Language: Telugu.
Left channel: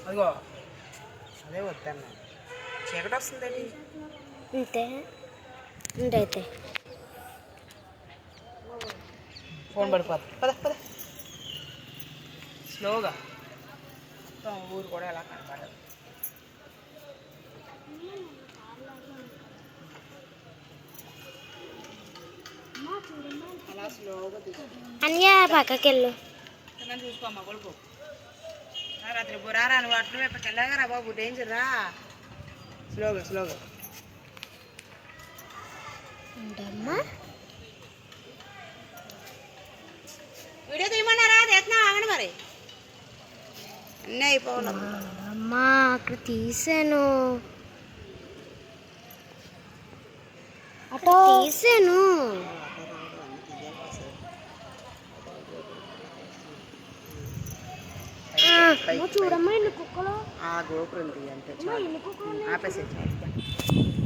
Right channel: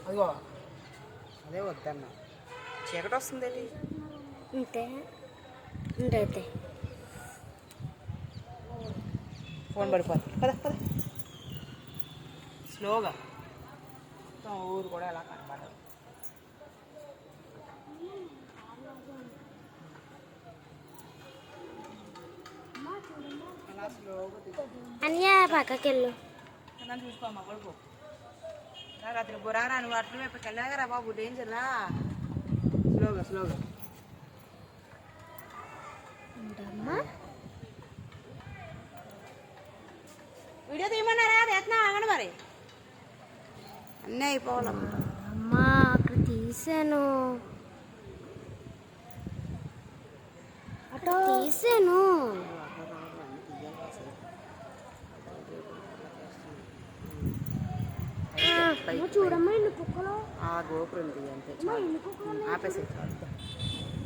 అదిగో అదే వద్దన్నా చీకటి వస్తుందండి అంతే అంతే ఫోన్ పడిపోతుంది పద పద స్లోగా ఊరు కూడా ఎలా కనపడదు అలా స్లోగా అన్యా పక్కకెళ్ళు చూసుకోమ్మా కొడుకు రాత్రి బురారా నువ్వు అట్ల వైపుకి వెళ్ళగారా బాబు డేంజర్ రా స్లోగా స్లోగా ఉండమ్మా వీడియో తీయమన్నారా తీస్తున్నా ఆగండి మరి అన్నీ అయిపోవాలి అమ్మా అక్కడ తీసాను అక్కడ తీసాను చూడమ్మా ఎన్ని కుక్కలు ఆ గోపురం తీయంటే ఆపేసే చాలు